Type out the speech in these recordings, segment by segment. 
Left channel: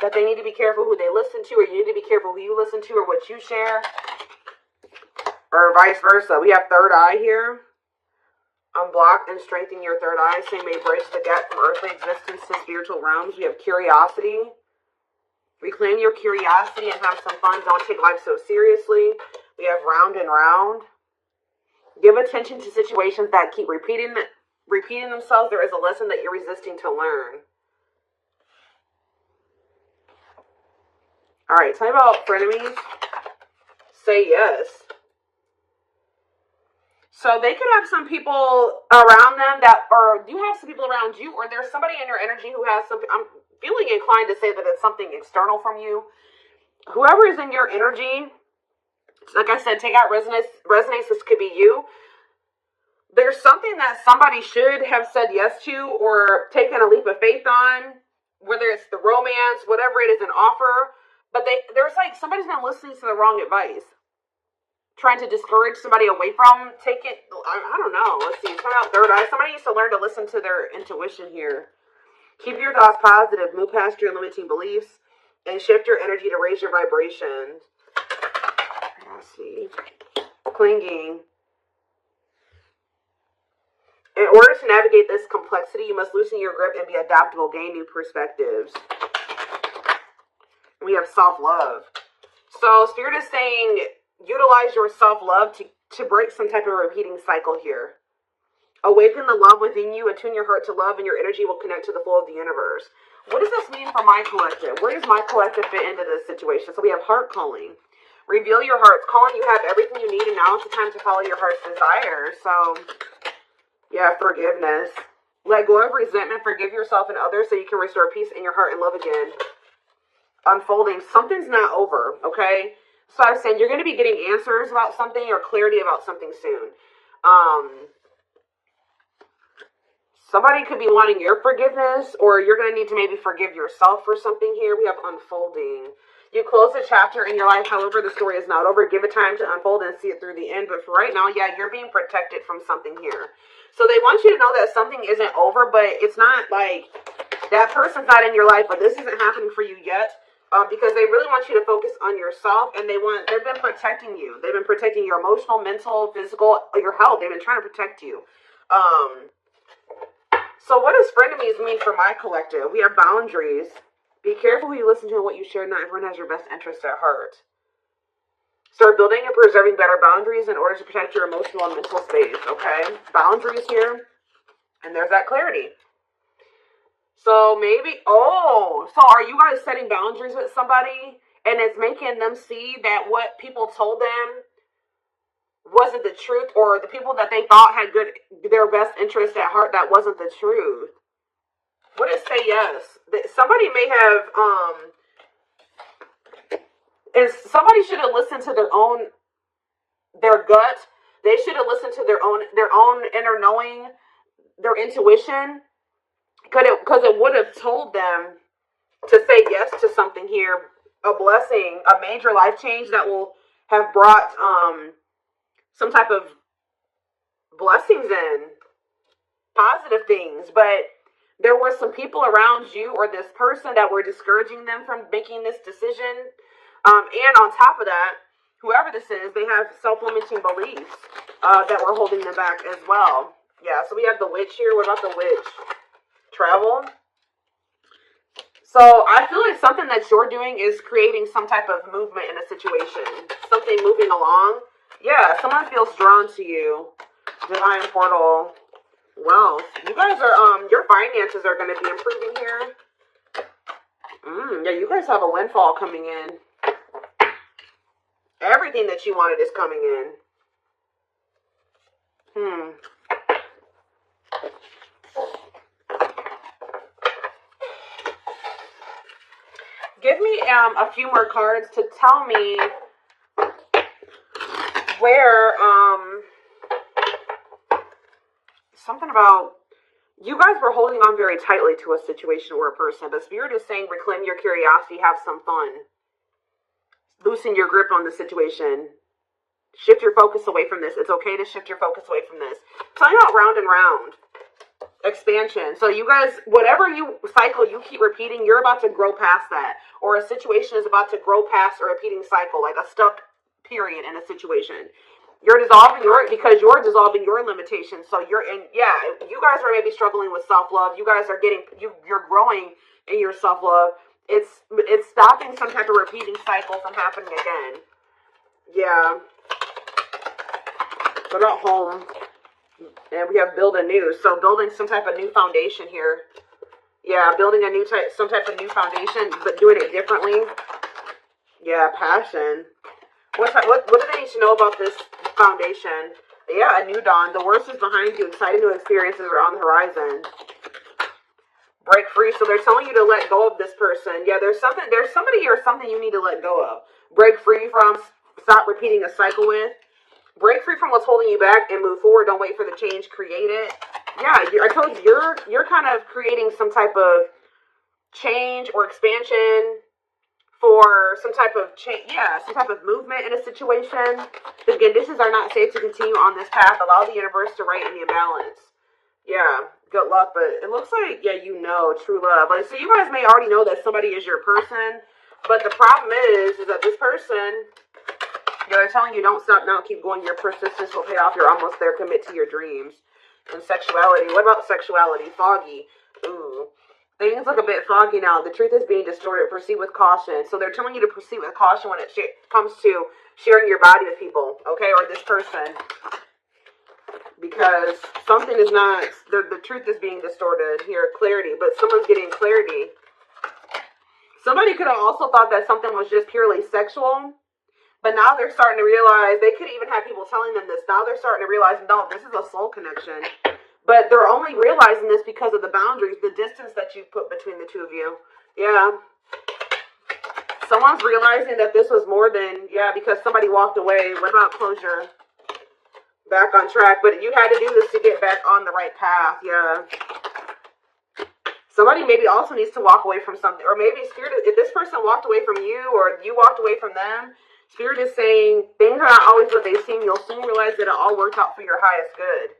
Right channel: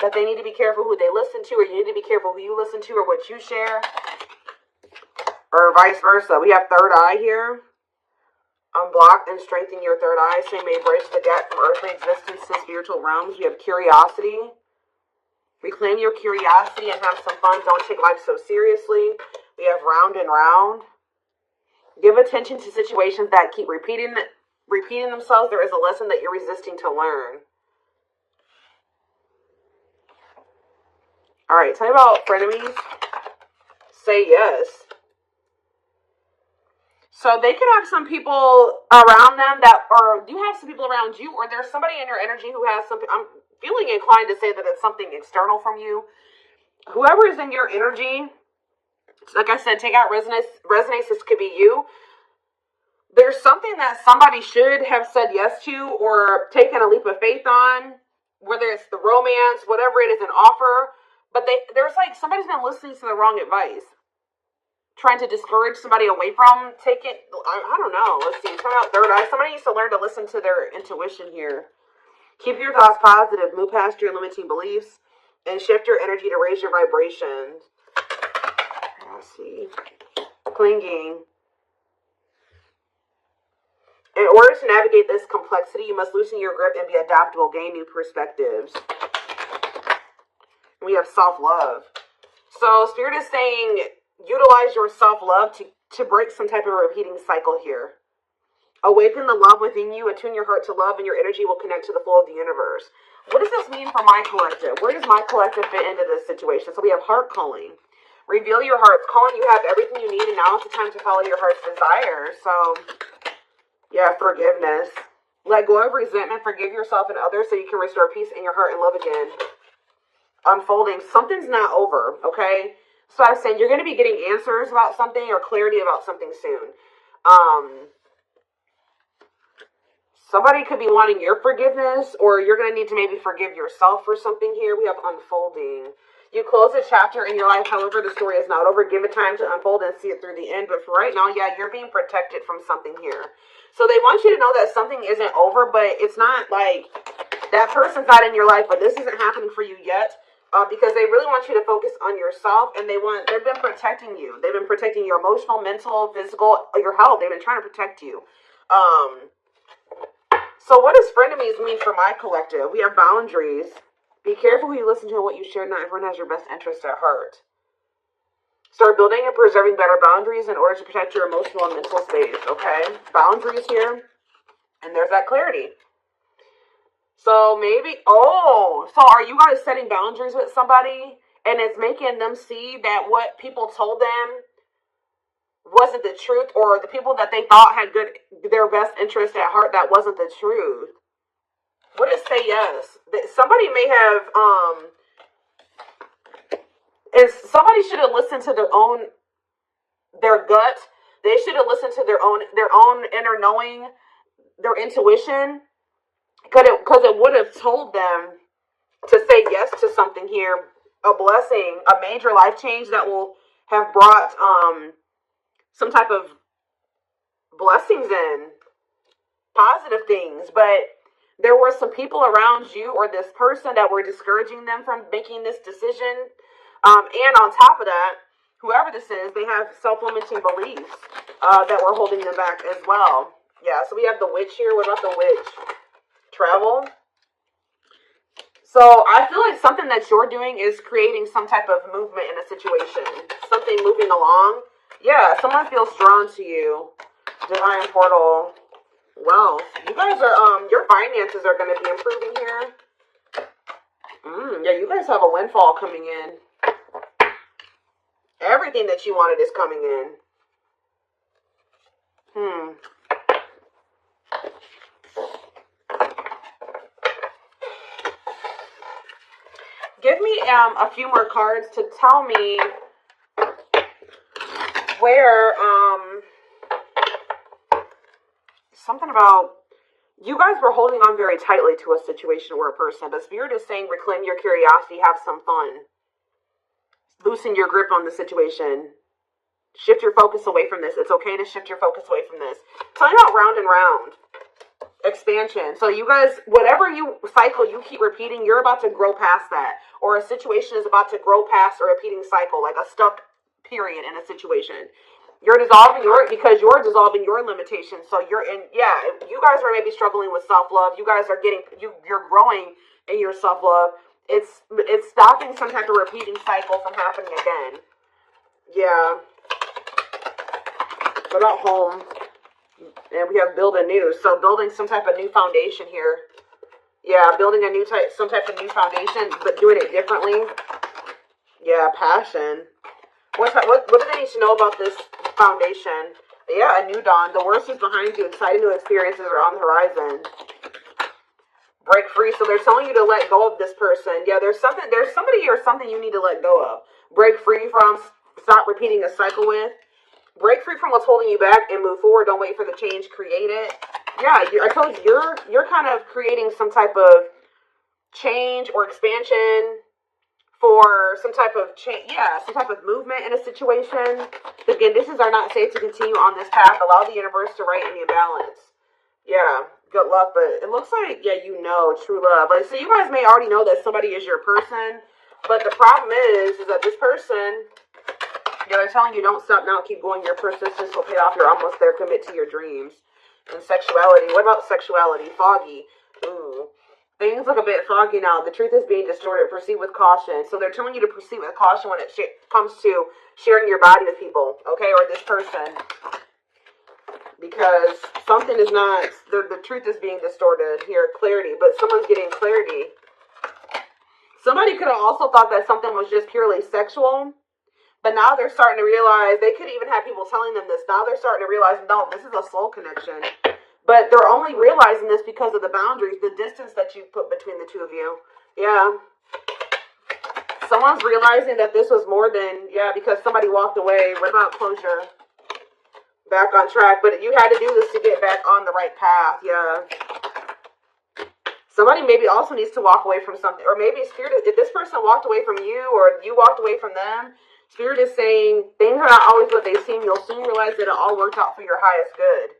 that they need to be careful who they listen to, or you need to be careful who you listen to or what you share, or vice versa. We have third eye here. Unblock and strengthen your third eye. Same may bridge the gap from earthly existence to spiritual realms. We have curiosity. Reclaim your curiosity and have some fun. Don't take life so seriously. We have round and round. Give attention to situations that keep repeating themselves. There is a lesson that you're resisting to learn. All right, tell me about frenemies. Say yes. So they could have some people around them or you have some people around you, or there's somebody in your energy who has some, I'm feeling inclined to say that it's something external from you. Whoever is in your energy, like I said, take out resonance. This could be you. There's something that somebody should have said yes to or taken a leap of faith on, whether it's the romance, whatever it is, an offer. But there's like somebody's been listening to the wrong advice, trying to discourage somebody away from. Take it. I don't know. Let's see. Turn out third eye. Somebody needs to learn to listen to their intuition here. Keep your thoughts positive. Move past your limiting beliefs and shift your energy to raise your vibrations. Let's see. Clinging. In order to navigate this complexity, you must loosen your grip and be adaptable, gain new perspectives. We have self-love. So Spirit is saying, utilize your self-love to break some type of repeating cycle here. Awaken the love within you, attune your heart to love, and your energy will connect to the flow of the universe. What does this mean for my collective? Where does my collective fit into this situation? So we have heart calling. Reveal your heart's calling. You have everything you need, and now is the time to follow your heart's desire. So, yeah, forgiveness. Let go of resentment. Forgive yourself and others so you can restore peace in your heart and love again. Unfolding. Something's not over, okay? So I'm saying you're going to be getting answers about something or clarity about something soon. Somebody could be wanting your forgiveness, or you're going to need to maybe forgive yourself for something here. We have unfolding. You close a chapter in your life, however, the story is not over. Give it time to unfold and see it through the end. But for right now, yeah, you're being protected from something here. So they want you to know that something isn't over, but it's not like that person's not in your life, but this isn't happening for you yet. Because they really want you to focus on yourself, and they've been protecting you. They've been protecting your emotional, mental, physical, your health. They've been trying to protect you. So what does frenemies mean for my collective? We have boundaries. Be careful who you listen to and what you share. Not everyone has your best interest at heart. Start building and preserving better boundaries in order to protect your emotional and mental space, okay? Boundaries here. And there's that clarity. So maybe, so are you guys setting boundaries with somebody and it's making them see that what people told them wasn't the truth, or the people that they thought had their best interest at heart, that wasn't the truth? What is say yes? Somebody may have, and somebody should have listened to their gut. They should have listened to their own inner knowing, their intuition, because it would have told them to say yes to something here, a blessing, a major life change that will have brought some type of blessings in, positive things. But there were some people around you or this person that were discouraging them from making this decision. And on top of that, whoever this is, they have self-limiting beliefs that were holding them back as well. Yeah, so we have the witch here. What about the witch? Travel. So I feel like something that you're doing is creating some type of movement in a situation. Something moving along. Yeah, someone feels drawn to you. Divine portal. Wealth. You guys are, your finances are going to be improving here. Yeah, you guys have a windfall coming in. Everything that you wanted is coming in. Give me a few more cards to tell me where, something about, you guys were holding on very tightly to a situation or a person, but Spirit is saying reclaim your curiosity, have some fun. Loosen your grip on the situation. Shift your focus away from this. It's okay to shift your focus away from this. Tell me about round and round. expansion. So you guys, whatever cycle you keep repeating, you're about to grow past that. Or a situation is about to grow past a repeating cycle, like a stuck period in a situation. You're dissolving because you're dissolving your limitations. So you're in, yeah, you guys are maybe struggling with self-love. You guys are you're growing in your self-love. It's stopping some type of repeating cycle from happening again. Yeah. What about home? And we have build anew. So building some type of new foundation here. Yeah, building some type of new foundation, but doing it differently. Yeah, passion. What do they need to know about this foundation? Yeah, a new dawn. The worst is behind you. Exciting new experiences are on the horizon. Break free. So they're telling you to let go of this person. Yeah, there's somebody or something you need to let go of. Break free from. Stop repeating a cycle with. Break free from what's holding you back and move forward. Don't wait for the change. Create it. Yeah, I told you, you're kind of creating some type of change or expansion for some type of change, yeah, some type of movement in a situation. Again, are not safe to continue on this path. Allow the universe to right any imbalance. Yeah, good luck, but it looks like, yeah, true love. Like, so you guys may already know that somebody is your person, but the problem is that this person, they're telling you don't stop now, keep going. Your persistence will pay off. You're almost there. Commit to your dreams. And sexuality. What about sexuality? Foggy. Ooh. Things look a bit foggy now. The truth is being distorted. Proceed with caution. So they're telling you to proceed with caution when it comes to sharing your body with people, okay, or this person. Because something is not, the truth is being distorted here. Clarity, but someone's getting clarity. Somebody could have also thought that something was just purely sexual, but now they're starting to realize, they could even have people telling them this. Now they're starting to realize, no, this is a soul connection. But they're only realizing this because of the boundaries, the distance that you put between the two of you. Yeah. Someone's realizing that this was more than, yeah, because somebody walked away. What about closure? Back on track. But you had to do this to get back on the right path. Yeah. Somebody maybe also needs to walk away from something. Or maybe Spirit, if this person walked away from you or you walked away from them, Spirit is saying things are not always what they seem. You'll soon realize that it all worked out for your highest good.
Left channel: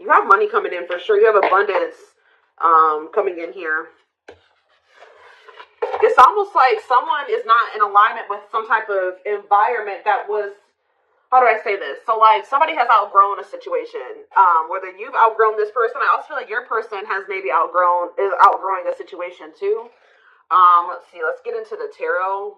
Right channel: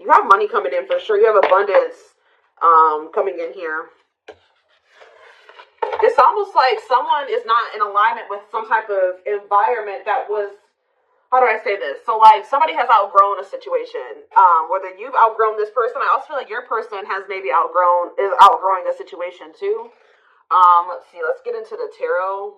You have money coming in for sure. You have abundance coming in here. It's almost like someone is not in alignment with some type of environment that was, how do I say this? So like somebody has outgrown a situation. Whether you've outgrown this person, I also feel like your person has maybe outgrowing a situation too. Let's see. Let's get into the tarot.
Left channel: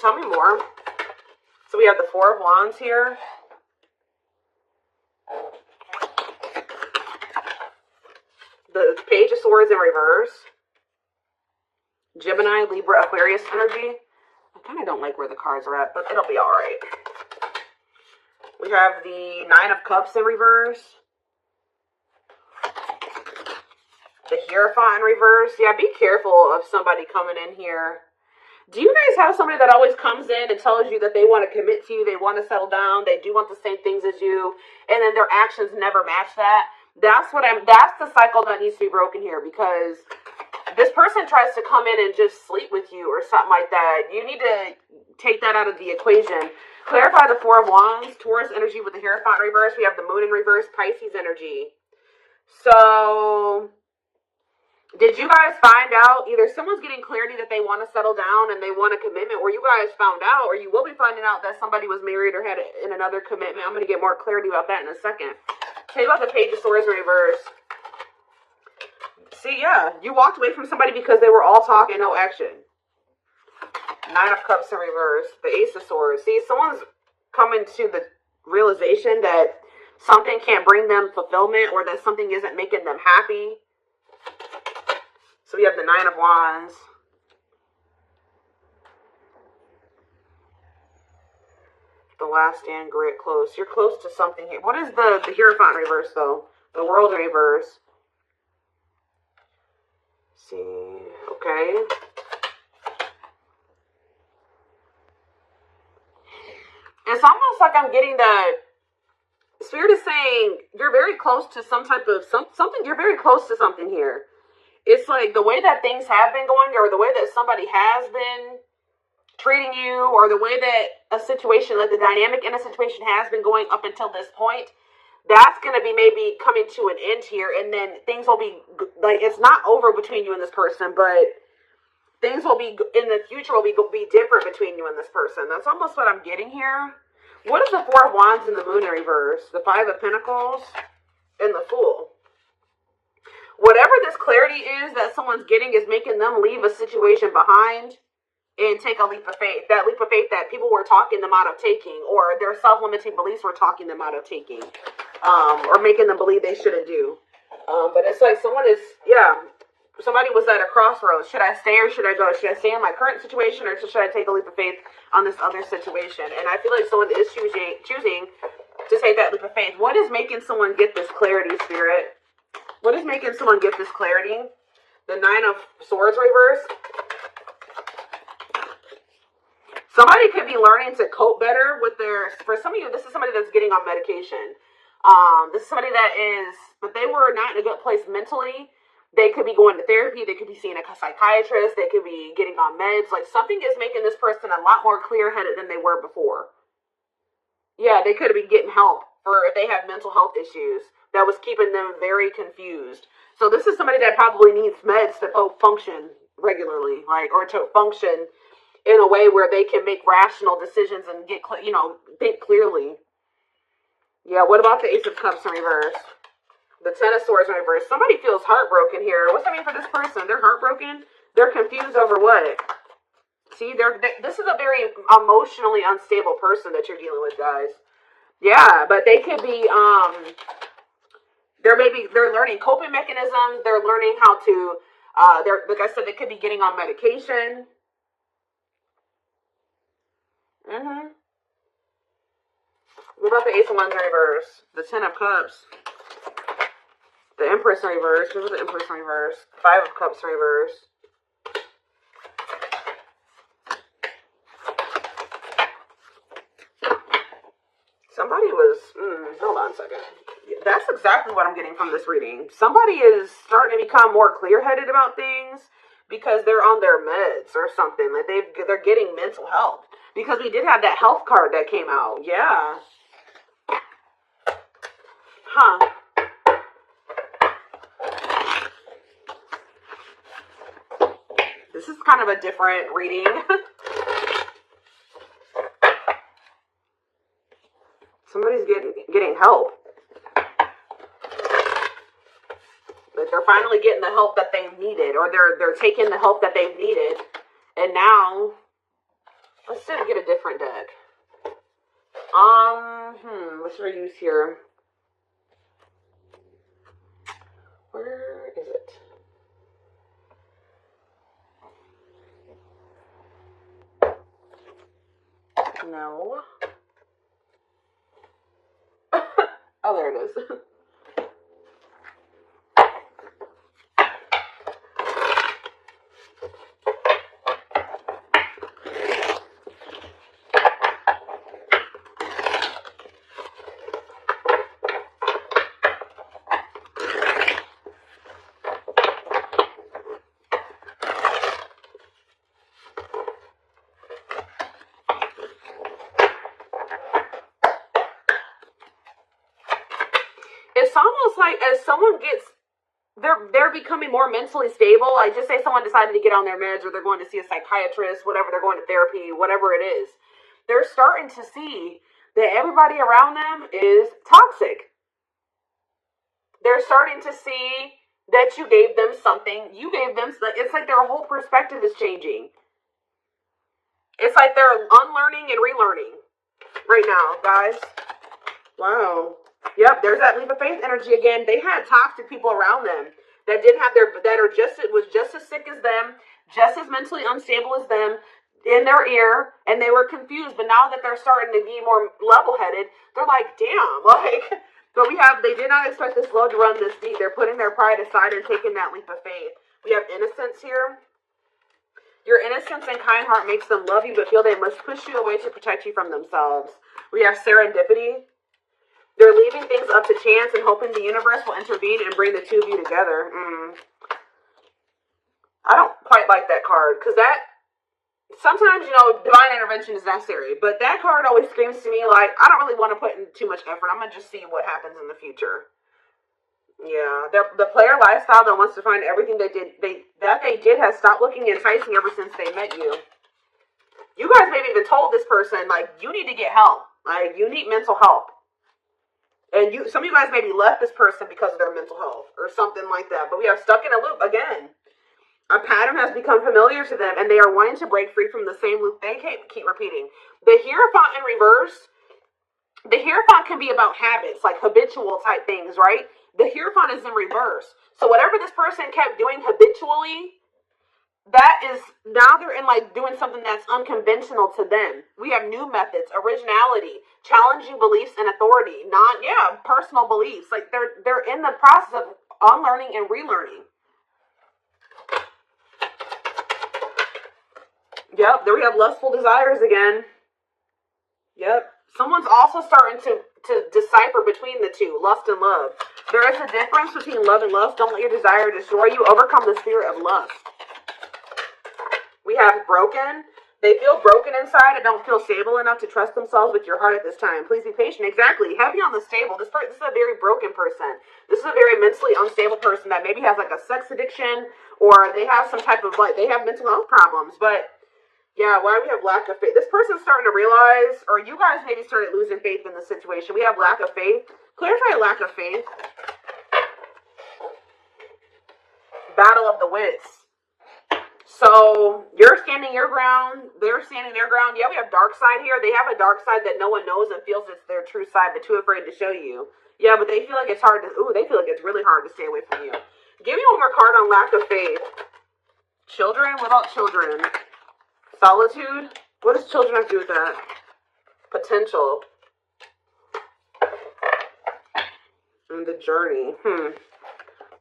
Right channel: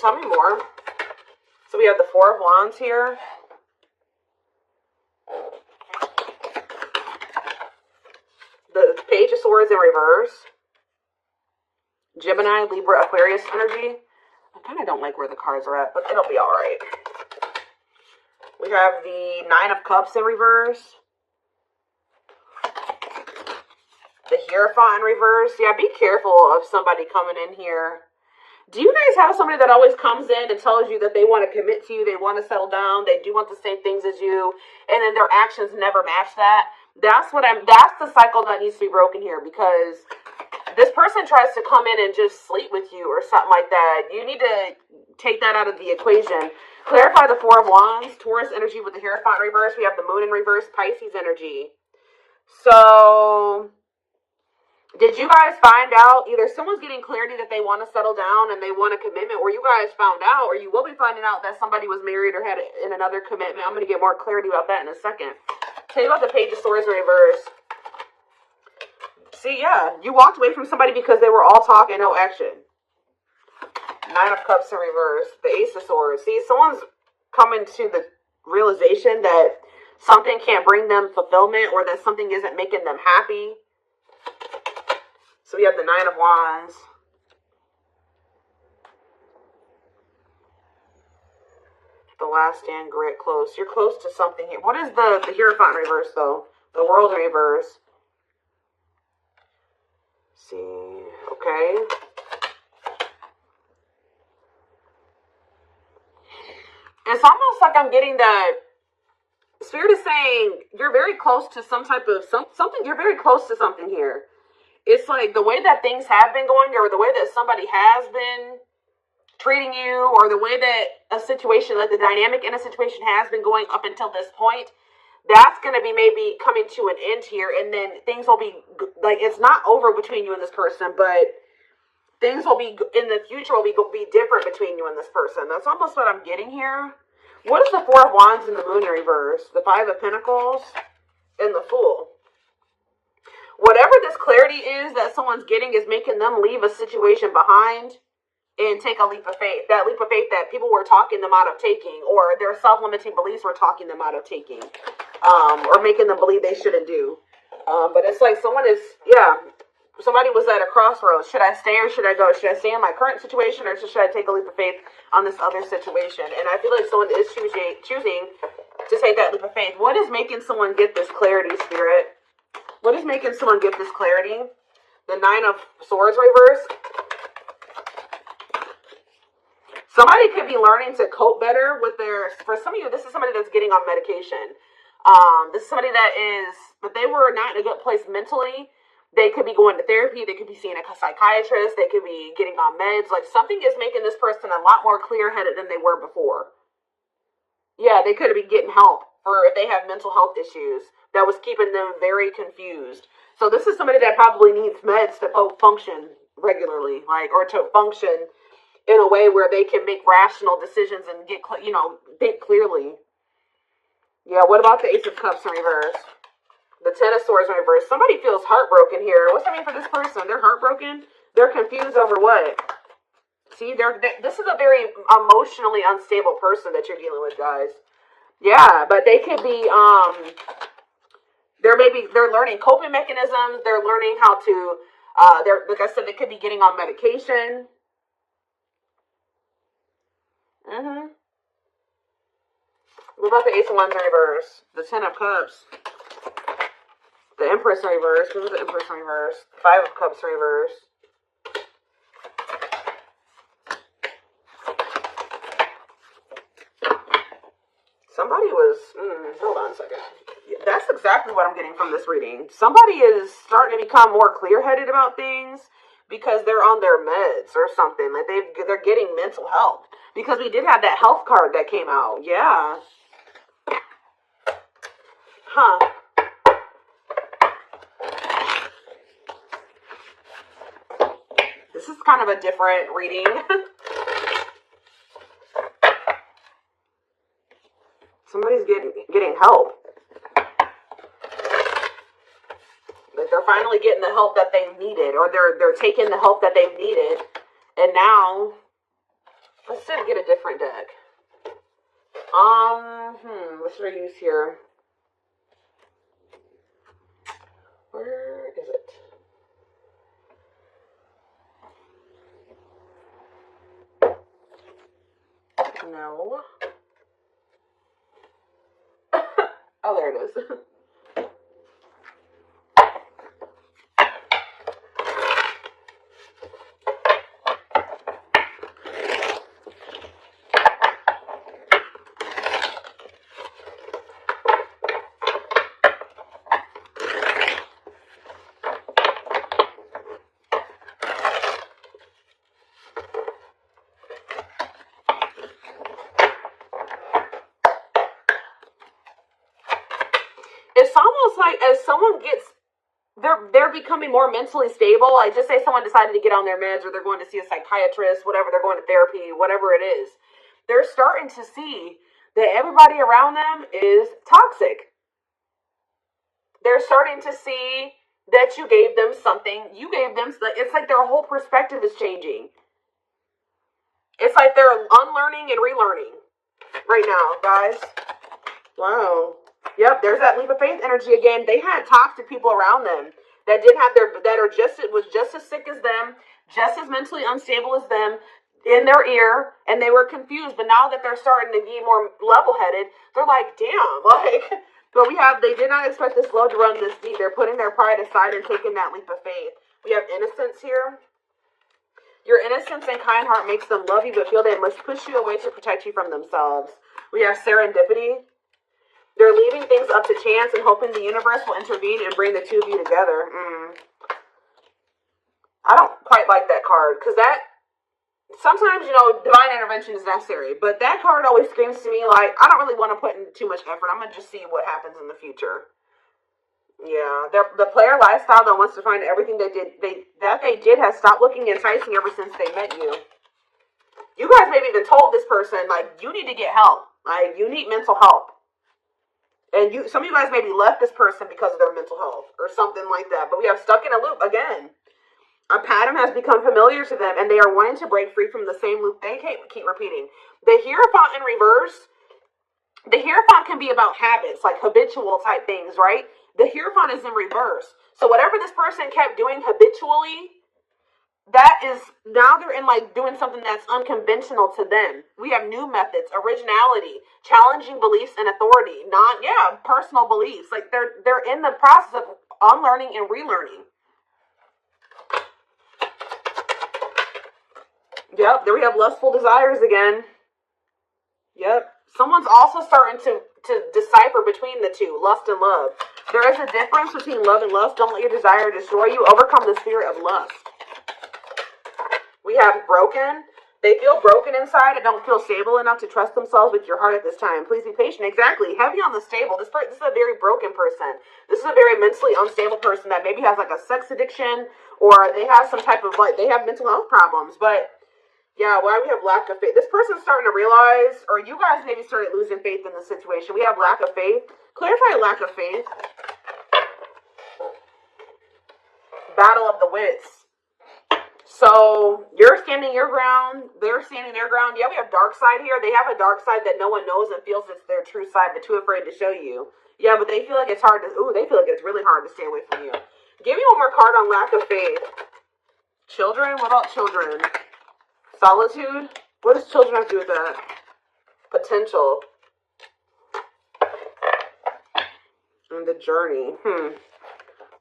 Tell me more. So we have the Four of Wands here. The Page of Swords in reverse. Gemini, Libra, Aquarius energy. I kind of don't like where the cards are at, but it'll be all right. We have the Nine of Cups in reverse. The Hierophant in reverse. Yeah, be careful of somebody coming in here. Do you guys have somebody that always comes in and tells you that they want to commit to you, they want to settle down, they do want the same things as you, and then their actions never match that? That's the cycle that needs to be broken here, because this person tries to come in and just sleep with you or something like that. You need to take that out of the equation. Clarify the Four of Wands, Taurus energy with the Hierophant reverse. We have the Moon in reverse, Pisces energy. So did you guys find out, either someone's getting clarity that they want to settle down and they want a commitment, or you guys found out, or you will be finding out that somebody was married or had in another commitment. I'm going to get more clarity about that in a second. Tell you about the Page of Swords in reverse. See, yeah, you walked away from somebody because they were all talk and no action. Nine of Cups in reverse. The Ace of Swords. See, someone's coming to the realization that something can't bring them fulfillment, or that something isn't making them happy. So we have the Nine of Wands. The Last Stand, Grit, close. You're close to something here. What is the Hierophant reverse, though? The World reverse. Let's see. Okay. almost like I'm getting that Spirit is saying you're very close to some type of something. You're very close to something here. It's like the way that things have been going, or the way that somebody has been treating you, or the way that a situation, like the dynamic in a situation has been going up until this point, that's going to be maybe coming to an end here, and then things will be, like, it's not over between you and this person, but things will be, in the future, will be different between you and this person. That's almost what I'm getting here. What is the Four of Wands in the Moon in reverse? The Five of Pentacles and the Fool. Whatever this clarity is that someone's getting is making them leave a situation behind and take a leap of faith. That leap of faith that people were talking them out of taking, or their self-limiting beliefs were talking them out of taking, or making them believe they shouldn't do. But it's like somebody was at a crossroads. Should I stay or should I go? Should I stay in my current situation, or should I take a leap of faith on this other situation? And I feel like someone is choosing to take that leap of faith. What is making someone get this clarity, Spirit? What is making someone get this clarity? The Nine of Swords reverse. Somebody could be learning to cope better with for some of you, this is somebody that's getting on medication. This is somebody that is, but they were not in a good place mentally. They could be going to therapy. They could be seeing a psychiatrist. They could be getting on meds. Like, something is making this person a lot more clear-headed than they were before. Yeah, they could have been getting help for if they have mental health issues that was keeping them very confused. So this is somebody that probably needs meds to function regularly, like, or to function in a way where they can make rational decisions and get, think clearly. Yeah, what about the Ace of Cups in reverse? The Ten of Swords in reverse. Somebody feels heartbroken here. What's that mean for this person? They're heartbroken? They're confused over what? See, this is a very emotionally unstable person that you're dealing with, guys. Yeah, but they could be, they're learning coping mechanisms. They're learning how to, like I said, they could be getting on medication. What about the Ace of Wands in reverse? The Ten of Cups. The Empress in reverse. What was the Empress in reverse? Five of Cups in reverse. Somebody was, hold on a second. That's exactly what I'm getting from this reading. Somebody is starting to become more clear-headed about things because they're on their meds or something. Like they're getting mental health. Because we did have that health card that came out. Yeah. Huh. This is kind of a different reading. Somebody's getting help. Like they're finally getting the help that they needed, or they're taking the help that they needed, and now let's get a different deck. What should I use here? Where is it? No. Oh, there it is. It's almost like as someone gets, they're becoming more mentally stable. Like, just say someone decided to get on their meds, or they're going to see a psychiatrist, whatever, they're going to therapy, whatever it is. They're starting to see that everybody around them is toxic. They're starting to see that you gave them something. You gave them, it's like their whole perspective is changing. It's like they're unlearning and relearning right now, guys. Wow. Yep, there's that leap of faith energy again. They had toxic people around them that didn't have was just as sick as them, just as mentally unstable as them, in their ear, and they were confused. But now that they're starting to be more level-headed, they're like, damn, but they did not expect this flow to run this deep. They're putting their pride aside and taking that leap of faith. We have innocence here. Your innocence and kind heart makes them love you, but feel they must push you away to protect you from themselves. We have serendipity. They're leaving things up to chance and hoping the universe will intervene and bring the two of you together. I don't quite like that card, because that, sometimes, divine intervention is necessary, but that card always screams to me like, I don't really want to put in too much effort. I'm going to just see what happens in the future. Yeah, the player lifestyle that wants to find everything they did has stopped looking enticing ever since they met you. You guys maybe even told this person, like, you need to get help. Like, you need mental help. And some of you guys maybe left this person because of their mental health or something like that. But we have stuck in a loop again. A pattern has become familiar to them, and they are wanting to break free from the same loop they keep repeating. The Hierophant in reverse, the Hierophant can be about habits, like habitual type things, right? The Hierophant is in reverse. So whatever this person kept doing habitually, that is, now they're in like doing something that's unconventional to them. We have new methods, originality, challenging beliefs and authority, personal beliefs. Like they're in the process of unlearning and relearning. Yep, there we have lustful desires again. Yep. Someone's also starting to decipher between the two, lust and love. There is a difference between love and lust. Don't let your desire destroy you. Overcome the spirit of lust. We have broken. They feel broken inside and don't feel stable enough to trust themselves with your heart at this time. Please be patient. Exactly. Heavy on the stable. This is a very broken person. This is a very mentally unstable person that maybe has like a sex addiction, or they have some type of they have mental health problems. But yeah, why we have lack of faith? This person's starting to realize, or you guys maybe started losing faith in the situation. We have lack of faith. Clarify lack of faith. Battle of the wits. So you're standing your ground. They're standing their ground. Yeah, we have dark side here. They have a dark side that no one knows and feels it's their true side, but too afraid to show you. Yeah, but they feel like it's hard to. They feel like it's really hard to stay away from you. Give me one more card on lack of faith. Children. What about children? Solitude? What does children have to do with that? Potential. And the journey.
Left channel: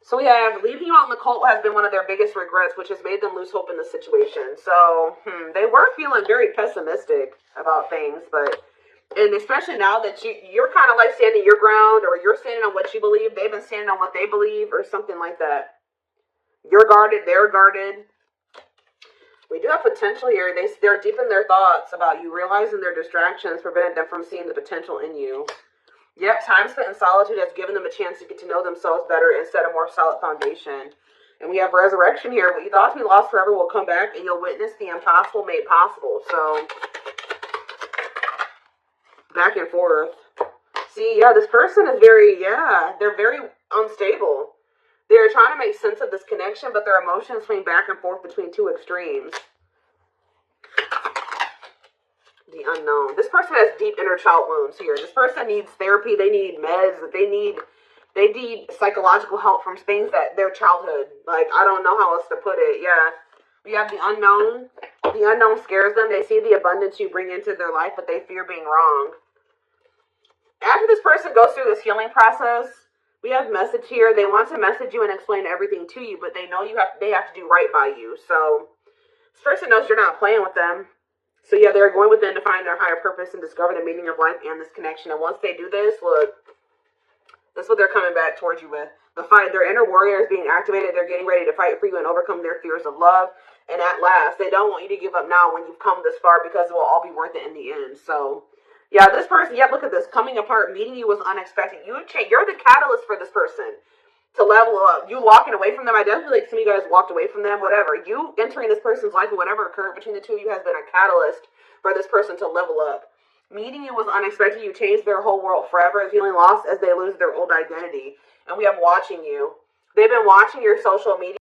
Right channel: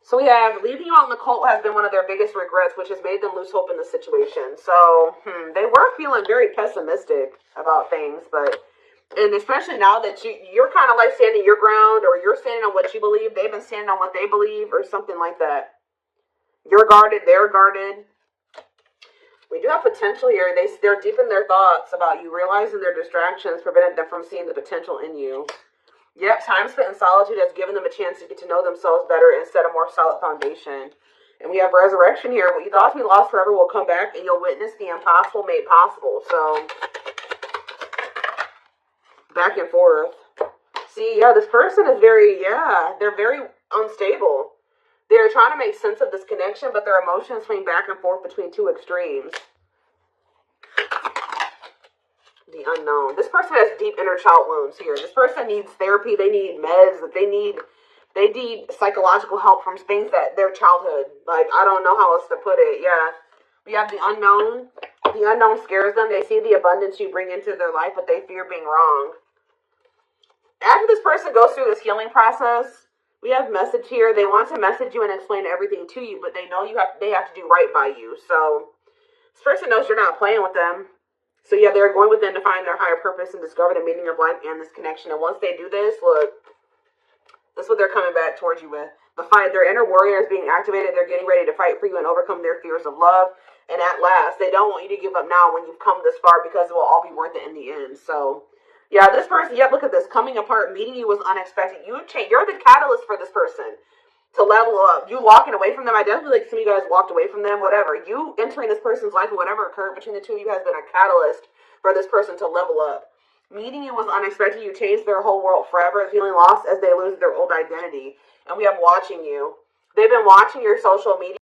So we have leaving you out in the cold has been one of their biggest regrets, which has made them lose hope in the situation. So they were feeling very pessimistic about things, and especially now that you're kind of like standing your ground, or you're standing on what you believe, they've been standing on what they believe, or something like that. You're guarded, they're guarded. We do have potential here. They're deep in their thoughts about you, realizing their distractions prevented them from seeing the potential in you. Yep, time spent in solitude has given them a chance to get to know themselves better and set a more solid foundation. And we have resurrection here. What you thought to be lost forever will come back, and you'll witness the impossible made possible. So, back and forth. See, this person is they're very unstable. They're trying to make sense of this connection, but their emotions swing back and forth between two extremes. The unknown. This person has deep inner child wounds here. This person needs therapy. They need meds. They need psychological help from things that their childhood. Like, I don't know how else to put it. Yeah. We have the unknown. The unknown scares them. They see the abundance you bring into their life, but they fear being wrong. After this person goes through this healing process, we have message here. They want to message you and explain everything to you, but they know they have to do right by you. So this person knows you're not playing with them. So yeah, they're going within to find their higher purpose and discover the meaning of life and this connection. And once they do this, look, this is what they're coming back towards you with. The fight, their inner warrior is being activated. They're getting ready to fight for you and overcome their fears of love. And at last, they don't want you to give up now when you've come this far, because it will all be worth it in the end. So yeah, this person, look at this. Coming apart, meeting you was unexpected. You're the catalyst for this person to level up. You walking away from them, I definitely like some of you guys walked away from them, whatever. You entering this person's life or whatever occurred between the two of you has been a catalyst for this person to level up. Meeting you was unexpected. You changed their whole world forever, feeling lost as they lose their old identity. And we have watching you. They've been watching your social media.